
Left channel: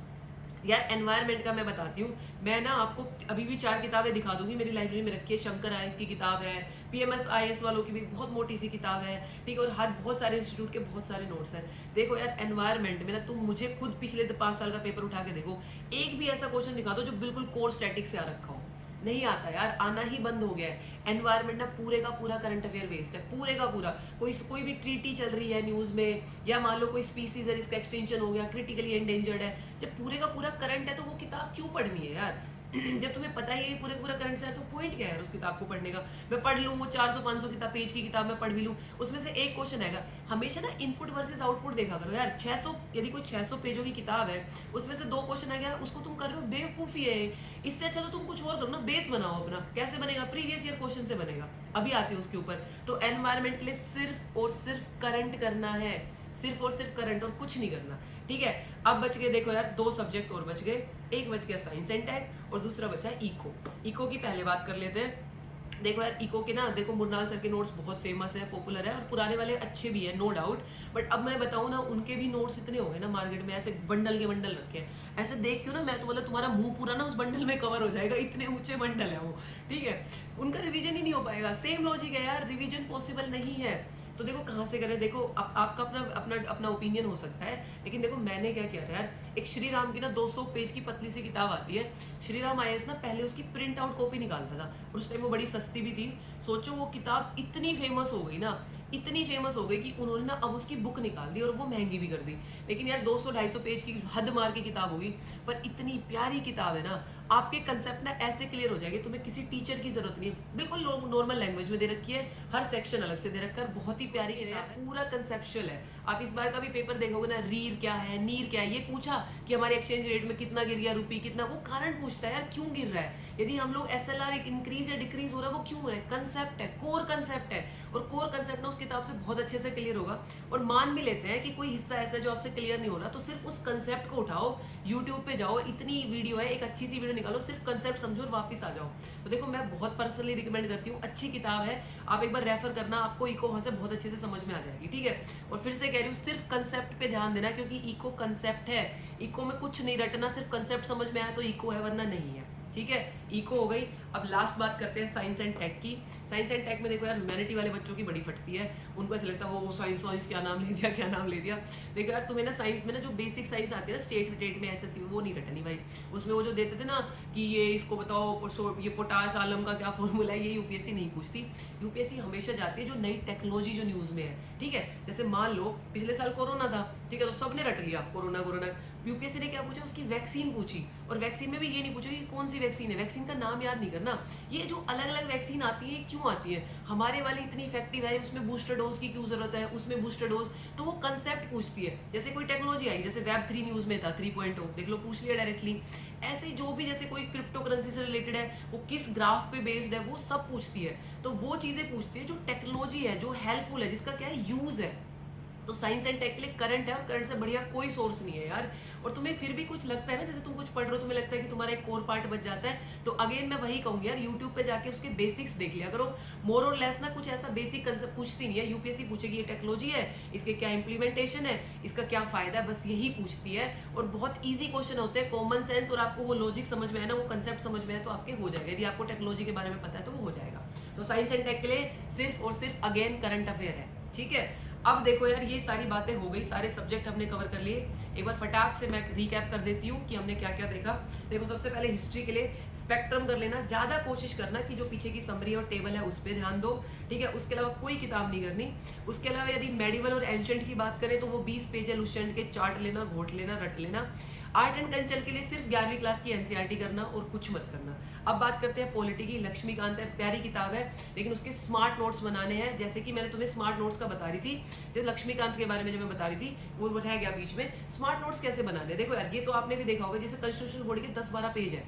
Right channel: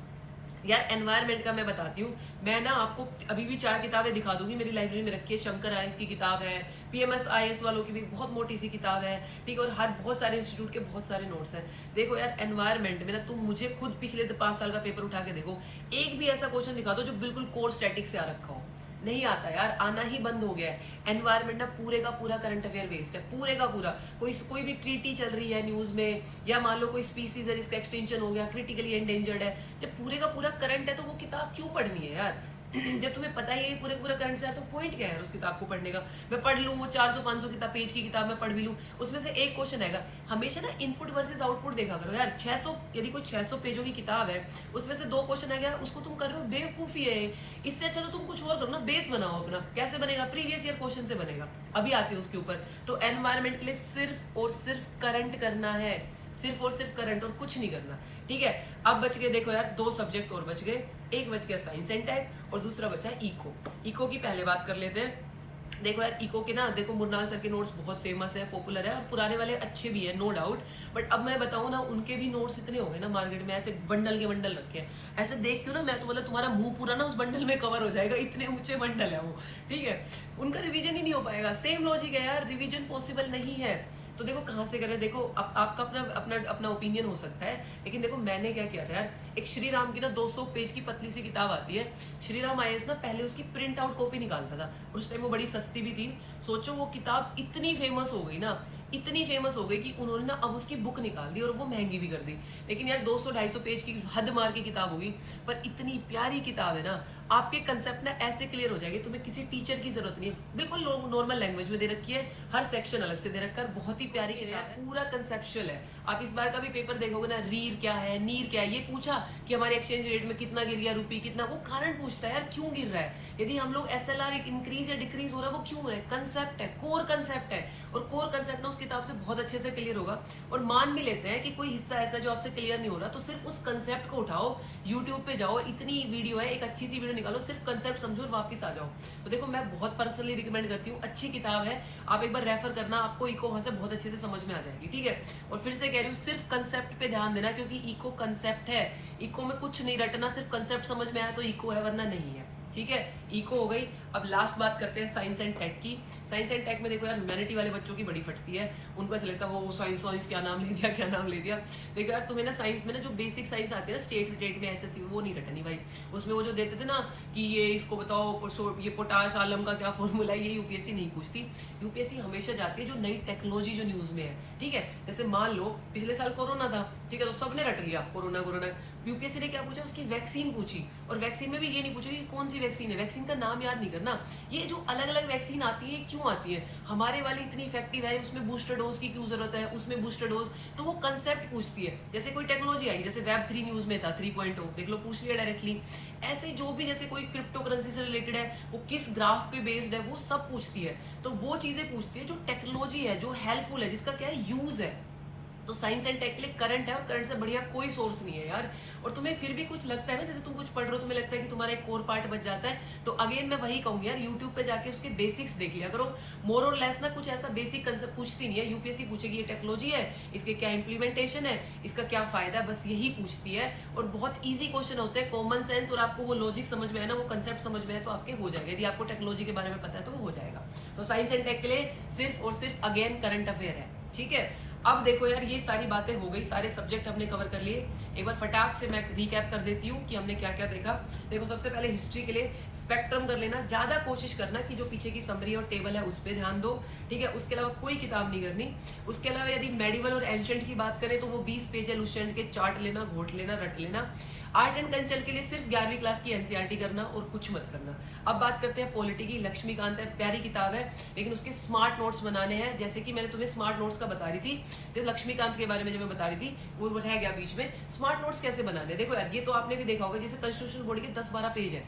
यार एनवायरमेंट का मैं बताती हूँ, मैं ना आपको अभी भी 4 किताबें दिखा दूंगी, मेरी लाइब्रेरी में रखी है। शंकर आईएएस की किताब है, पीएमएस आईएएस वालों की भी बहुत मोटी सी किताब है, ठीक है, और हर बहुत सारे इंस्टीट्यूट के बहुत सारे नोट्स हैं। देखो यार, एनवायरमेंट में ना तुम मुझे खुद पिछले 5 साल का पेपर उठा के देखो, एक भी ऐसा क्वेश्चन दिखा दो जो बिल्कुल कोर स्टैटिक से आ रखा हो, नहीं आता यार, आना ही बंद हो गया है। एनवायरमेंट ना पूरे का पूरा करंट अफेयर बेस्ड है, पूरे का पूरा। कोई भी ट्रीटी चल रही है न्यूज में, या मान लो कोई स्पीसीज है जिसका एक्सटेंशन हो गया, क्रिटिकली एंडेंजर्ड है, जब पूरे का पूरा करंट है तो वो किताब क्यों पढ़नी है यार? जब तुम्हें पता ही है पूरे पूरा करंट करंट है तो पॉइंट क्या है उस किताब को पढ़ने का? मैं पढ़ लूँ, वो 400-500 किताब पेज की किताब मैं पढ़ भी लूँ, उसमें से एक क्वेश्चन आएगा। हमेशा ना इनपुट वर्सेस आउटपुट देखा करो यार। 600 यदि कोई 600 पेजों की किताब है, उसमें से 2 क्वेश्चन आ गया, उसको तुम कर रहे हो बेवकूफी है। इससे अच्छा तो तुम कुछ और करो ना, बेस बनाओ अपना। कैसे बनेगा? प्रीवियस ईयर क्वेश्चन से बनेगा। अभी आती है उसके ऊपर। तो एनवायरमेंट के लिए सिर्फ और सिर्फ करंट करना है, सिर्फ और सिर्फ करंट, और कुछ नहीं करना, ठीक है? अब बच गए, देखो यार 2 सब्जेक्ट और बच गए। एक बच गया साइंस एंड टेक और दूसरा बचा है इको। इको की पहले बात कर लेते हैं। देखो यार इको के ना, देखो मुरनाल सर के नोट्स बहुत फेमस है, पॉपुलर है, और पुराने वाले अच्छे भी है, नो डाउट। बट अब मैं बताऊं ना, उनके भी नोट्स इतने हो गए ना मार्केट में, ऐसे बंडल के बंडल रखे हैं, ऐसे देखते हो ना, मैं तो मतलब तुम्हारा मुंह पूरा ना उस बंडल में कवर हो जाएगा, इतने ऊंचे बंडल है वो, ठीक है? उनका रिवीजन ही नहीं हो पाएगा। सेम लॉजिक है यार, रिवीजन पॉसिबल नहीं है। तो देखो कहाँ से करें? देखो आपका अपना अपना अपना ओपिनियन हो सकता है, लेकिन देखो मैंने क्या किया था यार, एक श्री राम की ना 200 पेज की पतली सी किताब आती है, श्री राम आईएएस ना, पहले उसकी प्रिंट आउट कॉपी निकालता था, और उस टाइम वो बड़ी सस्ती भी थी। सोचो वो किताब इतनी फेमस हो गई ना, इतनी फेमस हो गई कि उन्होंने ना अब उसकी बुक निकाल दी और वो महंगी भी कर दी। लेकिन यार 200-250 पेज की हद मार के किताब होगी, पर इतनी प्यारी किताब है ना, आपके कंसेप्ट ना ऐसे क्लियर हो जाएंगे, तुम्हें किसी टीचर की जरूरत नहीं है, बिल्कुल नॉर्मल लैंग्वेज में दे रखी है, हर सेक्शन अलग से दे रखा है, बहुत ही प्यारी है, पूरा कंसेप्चुअल है। आप इस बार का भी पेपर देखोगे ना, रीर क्या है, नीर क्या है, ये पूछा कि हमारे एक्सचेंज रेट में कितना गिर गया, रुपये कितना, वो कारण पूछता है यार क्यों गिर रहा है। यदि हम लोग एसएलआर इंक्रीज या डिक्रीज हो रहा है, वो क्यों हो रहा है? कंसेप्ट है, कोर कंसेप्ट है, और कोर कंसेप्ट ना उस किताब से बहुत अच्छे से क्लियर होगा। और मान भी लेते हैं कि कोई हिस्सा ऐसा जो आपसे क्लियर नहीं हो रहा, तो सिर्फ उस कंसेप्ट को उठाओ, यूट्यूब पे जाओ, इतनी वीडियो है, एक अच्छी सी वीडियो निकालो, सिर्फ कंसेप्ट समझो और वापस आ जाओ। तो देखो मैं बहुत पर्सनली रिकमेंड करती हूँ, अच्छी किताब है, आप एक बार रेफर करना, आपको इको वहां से बहुत अच्छे से समझ में आ जाएगी, ठीक है? और फिर से कह रही हूँ, सिर्फ कंसेप्ट पे ध्यान देना, क्योंकि इको कंसेप्ट है, इको में कुछ नहीं रटना, सिर्फ कंसेप्ट समझ में आया तो इको है, वरना नहीं है, ठीक है? इको हो गई। अब लास्ट बात करते हैं साइंस एंड टेक की। साइंस एंड टेक में देखो यार, ह्यूमैनिटी वाले बच्चों की बड़ी फटती है, उनको ऐसा लगता है वो साइंस वाइंस क्या नाम ले दिया, क्या नाम ले दिया। देखो यार तुम्हें ना साइंस में ना जो बेसिक साइंस आती है ना, स्टेट में एसएससी, वो नहीं रटनी भाई। उसमें वो जो देते थे ना कि ये इसको बताओ, ये पोटाश आलम का क्या फॉर्मूला है, ये यूपीएससी नहीं पूछती। यूपीएससी हमेशा जाती है जो नई टेक्नोलॉजी जो न्यूज में है, ठीक है? जैसे मान लो पिछले साल कोरोना था, ठीक है, तो सबने रट लिया कोरोना कोरोना। यूपीएससी ने क्या पूछा? उसकी वैक्सीन पूछी, और वैक्सीन में भी ये नहीं पूछा कि कौन सी वैक्सीन है, वैक्सीन का नाम याद नहीं करना। ये जो अलग अलग वैक्सीन आती है क्यों आती है? हमारे वाली इतनी इफेक्टिव है, उसमें बूस्टर डोज की क्यों जरूरत है, उसमें बूस्टर डोज, तो वो कंसेप्ट पूछती है। जैसे कोई टेक्नोलॉजी आई, जैसे वेब 3 न्यूज में था 3.0, देख लो, पूछ लिया डायरेक्टली। ऐसे जो भी जैसे कोई क्रिप्टो करेंसी से रिलेटेड है, वो किस ग्राफ पे बेस्ड है, वो सब पूछती है। तो वो चीजें पूछती है जो टेक्नोलॉजी है, जो हेल्पफुल है, जिसका क्या है, यूज है। तो साइंस एंड टेक के लिए करंट है, और करंट से बढ़िया कोई सोर्स नहीं है यार। और तुम्हें फिर भी कुछ लगता है ना, जैसे तुम कुछ पढ़ रहे हो, तुम्हें लगता है कि तुम्हारा एक कोर पार्ट बच जाता है, तो अगेन मैं वही कहूंगी यार, यूट्यूब पे जाके उसके बेसिक्स देख लिया करो। मोर और लेस ना कुछ ऐसा बेसिक कंसेप्ट पूछती नहीं है यूपीएससी। पूछेगी ये टेक्नोलॉजी है, इसके क्या इंप्लीमेंटेशन है, इसका क्या फायदा है, बस यही पूछती है। और बहुत ईजी क्वेश्चन होते हैं, कॉमन सेंस, और आपको वो लॉजिक समझ में है ना, वो कंसेप्ट समझ में है, तो आपके हो जाएगा। यदि आपको टेक्नोलॉजी के बारे में पता है तो वो हो जाएगा। तो साइंस एंड टेक के लिए सिर्फ और सिर्फ अगेन करंट अफेयर है, ठीक है? अब देखो यार, ये सारी बातें हो गई, सारे सब्जेक्ट हमने कवर कर लिए। एक बार फटाक से मैं रिकैप कर देती हूँ कि हमने क्या क्या देखा। देखो सबसे पहले हिस्ट्री के लिए स्पेक्ट्रम कर लेना, ज्यादा कोशिश करना कि जो पीछे की समरी और टेबल है उस पर ध्यान दो, ठीक है? उसके अलावा कोई किताब नहीं करनी। उसके अलावा यदि मेडिवल और एंशिएंट की बात करें तो वो 20 पेज है, लुसेंट के चार्ट लेना, घोट लेना, रट लेना। आर्ट एंड कल्चर के लिए सिर्फ 11वीं क्लास की एनसीईआरटी करना और कुछ मत करना। अब बात करते हैं पॉलिटी की। लक्ष्मीकांत है, प्यारी किताब है, लेकिन उसके स्मार्ट नोट्स बनाने हैं। जैसे कि मैंने तुम्हें स्मार्ट नोट्स का बता रही थी, जैसे लक्ष्मीकांत के बारे में जब मैं बता रही थी, वो रह गया बीच में। स्मार्ट नोट्स कैसे बनाने? देखो यार, ये तो आपने भी देखा होगा, जैसे कॉन्स्टिट्यूशन बॉडी के 10-12 पेज है,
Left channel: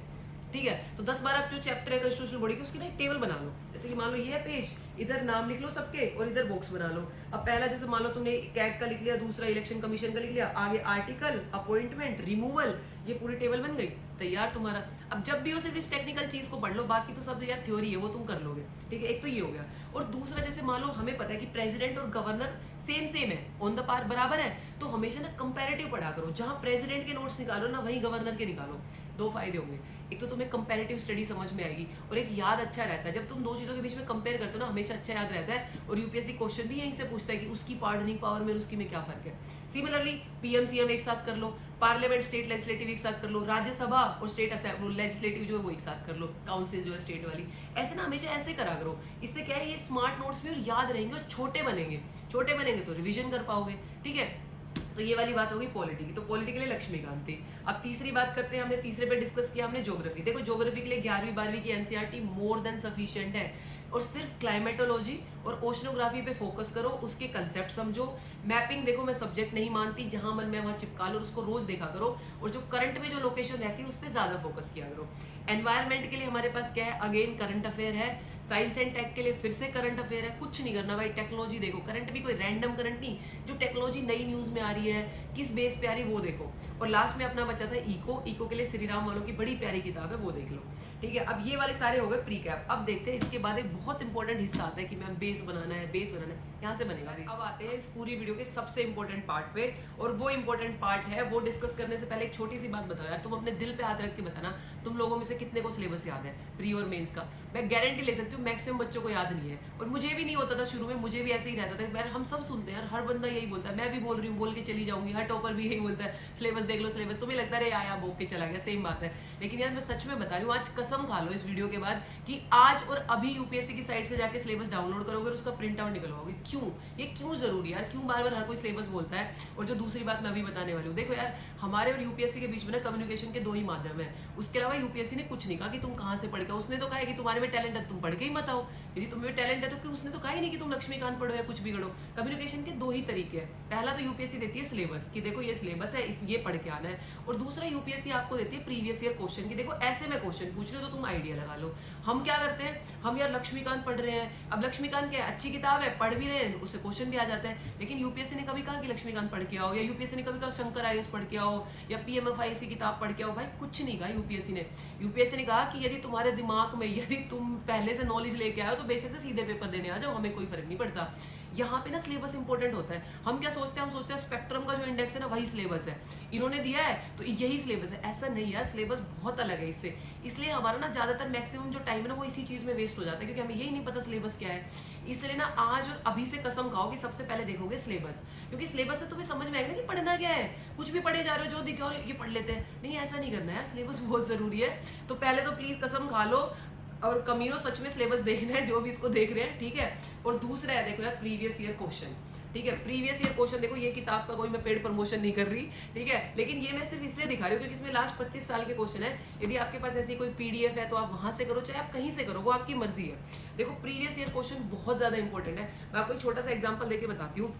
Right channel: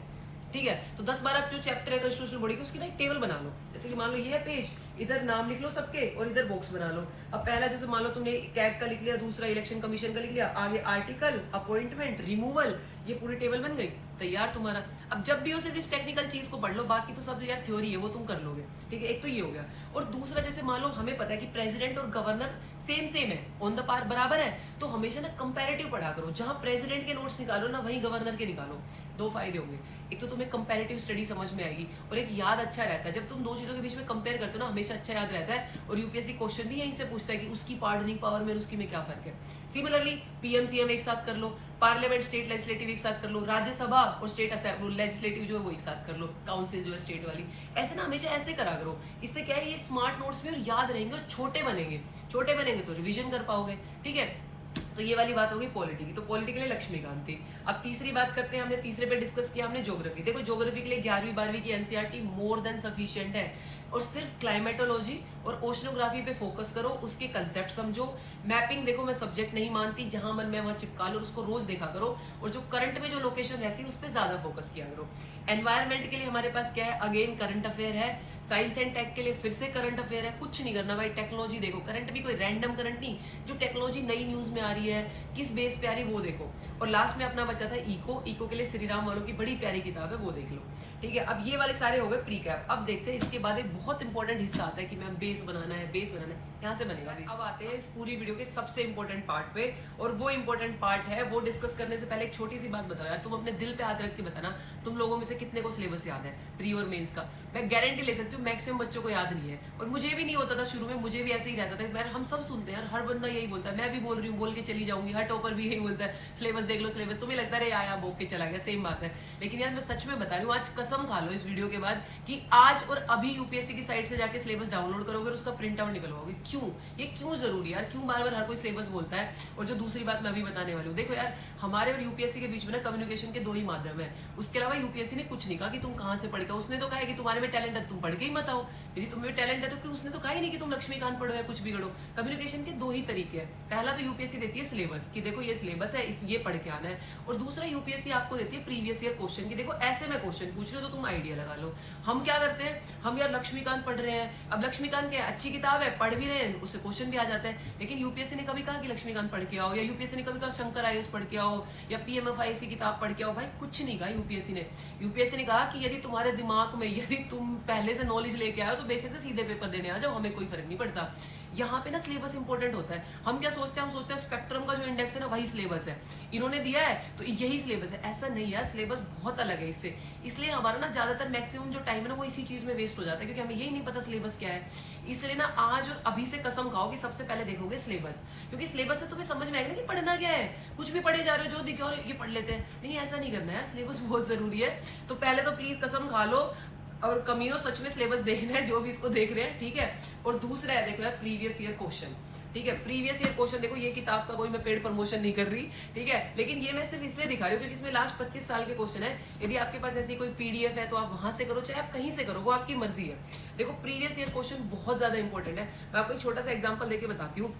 ठीक है? तो 10-12 जो चैप्टर है कॉन्स्टिट्यूशन बॉडी के, उसकी ना एक टेबल बना लो। जैसे कि मान लो ये है पेज, इधर नाम लिख लो सबके, और इधर बॉक्स बना लो। अब पहला जैसे मान लो तुमने कैग का लिख लिया, दूसरा इलेक्शन कमीशन का लिख लिया, आगे आर्टिकल, अपॉइंटमेंट, रिमूवल, ये पूरी टेबल बन गई, तैयार तुम्हारा। अब जब भी हो सिर्फ इस टेक्निकल चीज को पढ़ लो, बाकी तो सब यार थ्योरी है, वो तुम कर लोगे, ठीक है? एक तो ये हो गया। और दूसरा, जैसे मान लो हमें पता है कि प्रेसिडेंट और गवर्नर सेम है, ऑन द पार बराबर है, तो हमेशा ना कंपैरेटिव पढ़ा करो। जहां प्रेसिडेंट के नोट्स निकालो ना, वहीं गवर्नर के निकालो। 2 फायदे होंगे, एक तो तुम्हें कंपैरेटिव स्टडी समझ में आएगी, और एक याद अच्छा रहता है। जब तुम 2 चीजों के बीच में कंपेयर करते हो ना, हमेशा अच्छा याद रहता है। और यूपीएससी क्वेश्चन भी यहीं से पूछता है कि उसकी पार्डनिंग पावर में उसकी में क्या फर्क है। सिमिलरली पीएमसीएम एक साथ कर लो, पार्लियामेंट स्टेट लेजिस्लेटिव एक साथ कर लो, राज्यसभा और स्टेट लेजिस्लेटिव जो है वो एक साथ कर लो, काउंसिल जो है स्टेट वाली। ऐसे ना हमेशा ऐसे करा करो। इससे क्या है, ये स्मार्ट नोट्स भी और याद रहेंगे, और छोटे बनेंगे तो रिवीजन कर पाओगे, ठीक है? तो ये वाली बात होगी पॉलिटी की। तो पॉलिटी के लिए लक्ष्मीकांत थी। अब तीसरी बात करते हैं, हमने तीसरे पे डिस्कस किया हमने ज्योग्राफी। देखो ज्योग्राफी के लिए 11वीं 12वीं की एनसीईआरटी मोर देन सफिशिएंट है, और सिर्फ क्लाइमेटोलॉजी और ओशनोग्राफी पे फोकस करो, उसके कंसेप्ट समझो। मैपिंग देखो मैं सब्जेक्ट नहीं मानती, जहां मन में वहां चिपका लो, उसको रोज देखा करो, और जो करंट में जो लोकेशन रहती है उस पर ज्यादा फोकस किया करो। एनवायरमेंट के लिए हमारे पास क्या है, अगेन करंट अफेयर है। साइंस एंड टेक के लिए फिर से करंट अफेयर है, कुछ नहीं करना भाई। टेक्नोलॉजी देखो, करंट भी कोई रैंडम करंट नहीं, जो टेक्नोलॉजी नई न्यूज में आ रही है, किस बेस पे आ रही है वो देखो। और लास्ट में अपना बचा था इको, इको के लिए श्री राम वालों की बड़ी प्यारी किताब है, वो देख लो। ठीक है, अब ये वाले सारे हो गए प्री कैप। अब देखते हैं इसके बाद एक बहुत इंपॉर्टेंट हिस्सा आता है कि मैम बेस बनाना है, बेस बनाना है, यहाँ से बनेगा बेस। अब आते हैं इस पूरी वीडियो के सबसे इंपॉर्टेंट पार्ट पे, और वो इंपॉर्टेंट पार्ट है, वो डिस्कस करने से पहले एक छोटी सी बात बताना, तुम अपने दिल पे हाथ रख के बताना, तुम लोगों में से कितने को सिलेबस याद है प्री और मेंस का। मैं गारंटी ले सकती हूँ मैक्सिमम बच्चों को याद नहीं है, और मुझे भी नहीं होता था शुरू में, मुझे भी ऐसे ही रहता था। मैं हम सब सुनते हैं, हर बंदा यही बोलता है, मैं भी बोल रही हूँ, बोल के चली जाऊंगी, हर टॉपर भी यही बोलता है सिलेबस देख लो सिलेबस। तुम्हें लगता है आया भोग के चला गया, सेम बात है। लेकिन यार मैं सच में बता रही हूँ, आज कसम खा लो इस वीडियो के बाद कि आज और अभी यूपीएससी की साइट से जाके सिलेबस डाउनलोड करोगे और उसका प्रिंट आउट निकलवाओगे। क्यों, ये क्यों जरूरी है यार, क्यों बार बार हर कोई सिलेबस बोलता है। और जो दूसरी बात मैं अभी बताने वाली हूँ, देखो यार हमारे और यूपीएससी के बीच में ना कम्युनिकेशन के दो ही माध्यम है, उसके अलावा यूपीएससी ने कुछ नहीं कहा कि तुम कहाँ से पढ़ के। उसने तो कहा है कि तुम्हारे में टैलेंट है तुम पढ़ के ही बताओ, यदि तुम्हें टैलेंट है तो उसने तो कहा ही नहीं कि तुम लक्ष्मीकांत पढ़ो या कुछ भी करो। कम्युनिकेशन के दो ही तरीके हैं, पहला तो यूपीएससी देती है सिलेबस कि देखो ये सिलेबस है, इस ये पढ़ के आना है, और दूसरा यूपीएससी आपको देती है प्रीवियस ईयर क्वेश्चन की देखो ऐसे में क्वेश्चन पूछ रहे हो तो तुम आइडिया लगा लो। हम क्या करते हैं, हम यार लक्ष्मीकांत पढ़ रहे हैं, अब लक्ष्मीकांत क्या अच्छी किताब है, पढ़ भी रहे हैं, उससे क्वेश्चन भी आ जाता है। लेकिन यूपीएससी ने कभी कहा कि लक्ष्मीकांत पढ़ के आओ, या यूपीएससी ने कभी कहा शंकर आईएएस पढ़ के आओ, या पीएमएफआईसी किताब पढ़ के आओ। भाई कुछ नहीं कहा यूपीएससी ने। यूपीएससी ने कहा कि यदि तुम्हारे दिमाग में, यदि तुम पहले से नॉलेज लेके आए हो तो बेशक से सीधे पेपर देने आ जाओ, हमें कोई फर्क नहीं पड़ता। यहाँ पे ना सिलेबस इंपॉर्टेंट होता है। हम क्या सोचते हैं, हम सोचते हैं स्पेक्ट्रम का जो इंडेक्स है ना वही सिलेबस है, इन्होंने दिया है तो यही सिलेबस है। ऐसा नहीं है, सिलेबस बहुत अलग है इससे। इसलिए हमारा ना ज्यादातर मैक्सिमम जो टाइम है ना वो इसी चीज में वेस्ट हो जाता है, क्योंकि हमें यही नहीं पता सिलेबस क्या है। इसलिए ना आज और अभी से कसम खाओ कि सबसे पहले देखोगे सिलेबस, क्योंकि सिलेबस से तुम्हें समझ में आएगा कि पढ़ना क्या है। कुछ भी पढ़े जा रहे हो, जो दिखे ये पढ़ लेते हैं, नहीं ऐसा नहीं करना है, सिलेबस बहुत जरूरी है। तो पहले तो प्लीज कसम खा लो और कमीनो सच में सिलेबस देखना है जो भी इसको देख रहे हैं, ठीक है। और दूसरा है देखो यार प्रीवियस ईयर क्वेश्चन, ठीक है। प्रीवियस ईयर क्वेश्चन देखो, ये किताब का कोई मैं पेड प्रमोशन नहीं कर रही, ठीक है, लेकिन ये मैं सिर्फ इसलिए दिखा रही हूँ क्योंकि इसमें लास्ट 25 साल के क्वेश्चन है। यदि आपके पास ऐसी कोई पीडीएफ है तो आप वहां से करो, चाहे आप कहीं से करो, वो आपकी मर्जी है। देखो प्रीवियस ईयर क्वेश्चन बहुत ज्यादा इंपॉर्टेंट है। मैं आपको एक छोटा सा एग्जाम्पल देके बताती हूँ।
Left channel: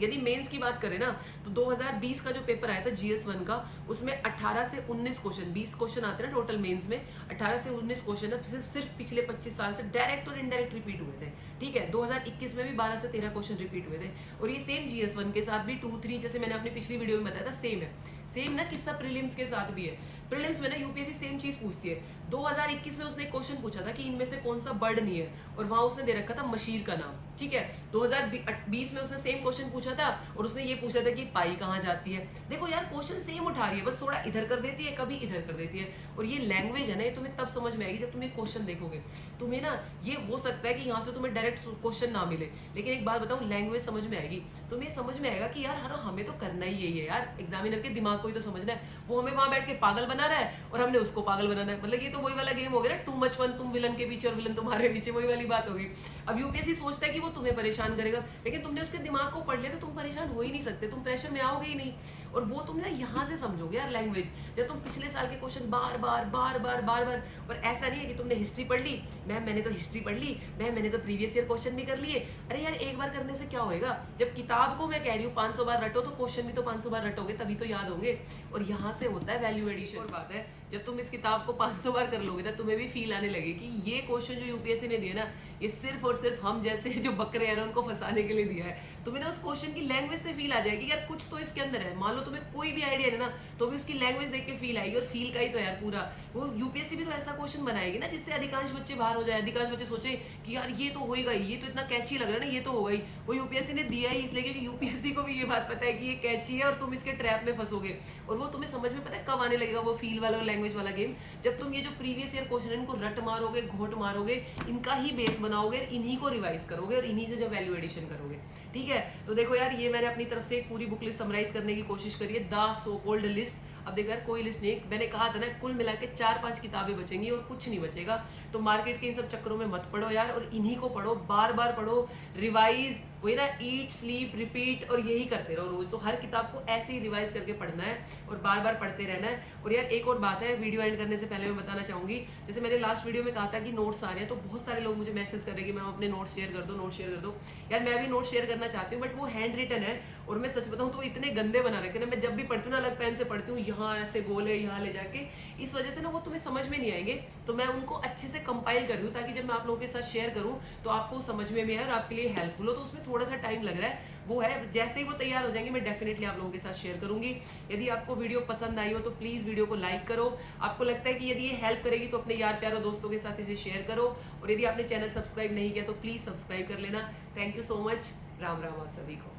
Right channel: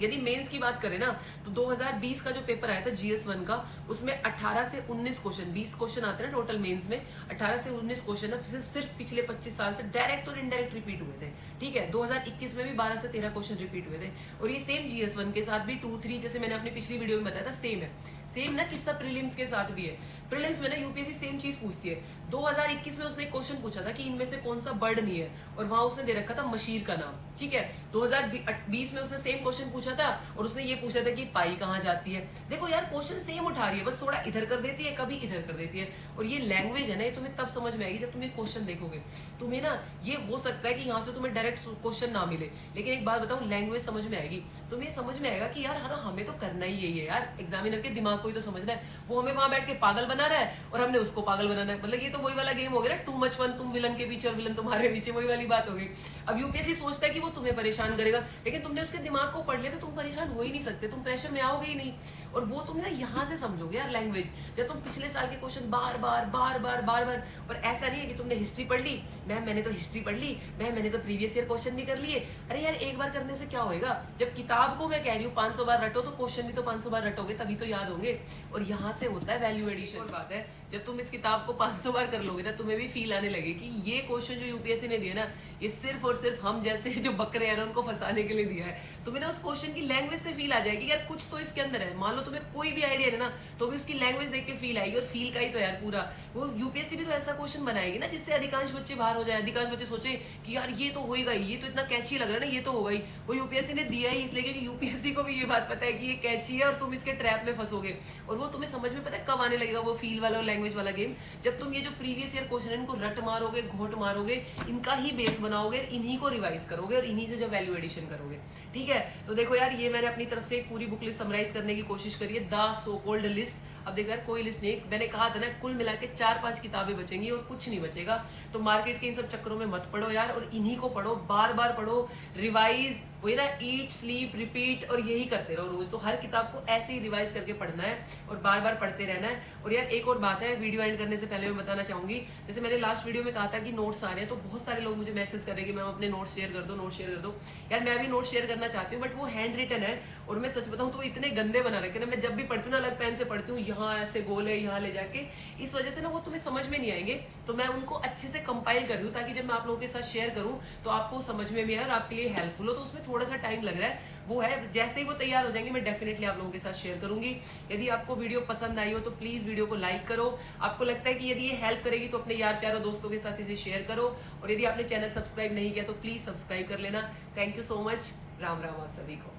यदि मेंस की बात करें ना तो 2020 का जो पेपर आया था GS1 का, उसमें 18 से 19 क्वेश्चन, 20 क्वेश्चन आते हैं टोटल मेंस में, 18 से 19 क्वेश्चन सिर्फ पिछले 25 साल से डायरेक्ट और इनडायरेक्ट रिपीट हुए थे, ठीक है। 2021 में भी 12 से 13 क्वेश्चन रिपीट हुए थे, और ये सेम GS1 के साथ भी 2, 3 जैसे मैंने अपनी पिछली वीडियो में बताया था सेम है। सेम ना किस्सा प्रीलिम्स के साथ भी है। प्रीलिम्स में ना यूपीएससी सेम चीज पूछती है। 2021 में उसने क्वेश्चन पूछा था कि इनमें से कौन सा बर्ड नहीं है, और वहां उसने दे रखा था मशीर का नाम, ठीक है। 2020 में उसने सेम क्वेश्चन पूछा था और उसने ये पूछा था कि पाई कहाँ जाती है। देखो यार क्वेश्चन सेम उठा रही है, बस थोड़ा इधर कर देती है, कभी इधर कर देती है। और ये लैंग्वेज है ना, ये तुम्हें तब समझ में आएगी जब तुम ये क्वेश्चन देखोगे। तुम्हें ना ये हो सकता है कि यहाँ से तुम्हें डायरेक्ट क्वेश्चन ना मिले, लेकिन एक बात बताऊं, लैंग्वेज समझ में आएगी। तुम्हें समझ में आएगा कि यार हमें तो करना ही यही है यार, एग्जामिनर के दिमाग को ही तो समझना है। वो हमें वहां बैठ के पागल बना रहा है और हमने उसको पागल बनाना है। मतलब ये तो वही वाला गेम हो गया ना, टू मच फन, तुम विलन के पीछे और विलन तुम्हारे पीछे, वही वाली बात हो गई। अब यूपीएससी सोचता है कि वो तुम्हें परेशान करेगा, लेकिन तुमने उसके दिमाग को पढ़ लिया तो तुम परेशान हो ही नहीं सकते, तुम प्रेशर में आओगे ही नहीं। और वो तुम ना यहाँ से समझोगे यार लैंग्वेज, जब तुम पिछले साल के क्वेश्चन बार बार बार बार बार बार, और ऐसा नहीं है कि तुमने हिस्ट्री पढ़ ली, मैम मैंने तो हिस्ट्री पढ़ ली, मैम मैंने तो प्रीवियस ईयर क्वेश्चन भी कर लिए। अरे यार एक बार करने से क्या होएगा, जब किताब को मैं कह रही हूँ 500 बार रटो तो क्वेश्चन भी तो 500 बार रटोगे तभी तो याद होंगे। और यहाँ से होता है वैल्यू एडिशन। और बात है जब तुम इस किताब को 500 बार कर लोगे ना, तुम्हें भी फील आने लगे कि ये क्वेश्चन जो यूपीएससी ने दिया ना, ये सिर्फ और सिर्फ हम जैसे जो बकरे हैं ना उनको फंसाने के लिए दिया है। तुम्हें ना उस क्वेश्चन की लैंग्वेज से फील आ जाएगी यार, कुछ तो इसके अंदर है। मान लो तुम्हें कोई भी आइडिया है ना, तो भी उसकी लैंग्वेज देख के फील आएगी, और फील का ही तो यार पूरा वो यूपीएससी भी तो ऐसा क्वेश्चन बनाएगी ना जिससे अधिकांश बच्चे बाहर हो जाए, अधिकांश बच्चे सोचे कि यार ये तो होगा ही, ये तो इतना कैची लग रहा है ना, ये तो होगा ही। वो यूपीएससी ने दिया ही इसलिए क्योंकि यूपीएससी को भी ये बात पता है कि ये कैची है और तुम इसके ट्रैप में फंसोगे। और वो तुम्हें समझ में पता है कब आने लगेगा वो फील वाला और लैंग्वेज वाला गेम, जब तुम ये जो प्रीवियस ईयर क्वेश्चन है इनको रट मारोगे, घोट मारोगे, इनका ही बेस बनाओगे, इन्हीं को रिवाइज करोगे और इन्हीं से जब वैल्यू एडिशन करोगे, ठीक है। तो देखो यार ये मैंने अपनी तरफ से एक पूरी बुक लिस्ट समराइज करने की कोशिश करी है, द सो कॉल्ड लिस्ट। अब देखो यार कोई लिस्ट नहीं, मैंने कहा था ना कुल मिला के 4-5 किताबें बचेंगी और कुछ नहीं बचेगा। तो मार्केट के इन सब चक्करों में मत पढ़ो यार, और इन्हीं को पढ़ो, बार बार पढ़ो, रिवाइज, वही ना, ईट स्लीप रिपीट, और यही करते रहो रोज। तो हर किताब को ऐसे ही रिवाइज करके पढ़ना है और बार बार पढ़ते रहना है। और यार एक और बात है, वीडियो एंड करने से पहले मैं बताना चाहूंगी, जैसे मैंने लास्ट वीडियो में कहा था कि नोट्स आ रहे हैं, तो बहुत सारे लोग मुझे मैसेज कर रहे हैं कि मैम अपने नोट्स शेयर कर दो, नोट्स शेयर कर दो। यार मैं भी नोट्स शेयर करना चाहती हूँ, बट वो हैंड रिटन है, और मैं सच बताऊं तो इतने गंदे बना रखे ना, मैं जब भी पढ़ती हूँ ना अलग पेन से पढ़ती हूँ, यहाँ ऐसे गोल है, यहाँ ले जाके, इस वजह से ना वो तुम्हें समझ में नहीं आएंगे। तो मैं उनको अच्छे से कंपाइल कर रही हूँ ताकि जब मैं आप लोगों के साथ शेयर करूँ तो आपको समझ में भी आए और आपके लिए हेल्पफुल हो। तो उसमें थोड़ा सा टाइम लग रहा है, वो है, जैसे ही वो तैयार हो जाएंगे मैं डेफिनेटली आप लोगों के साथ शेयर करूंगी। यदि आपको वीडियो पसंद आई हो तो प्लीज वीडियो को लाइक करो। आपको लगता है कि यदि ये हेल्प करेगी तो अपने यार प्यारों दोस्तों के साथ इसे शेयर करो, और यदि आपने चैनल सब्सक्राइब नहीं किया तो प्लीज सब्सक्राइब कर लेना। Thank you so much. Ram Ram आप सभी को।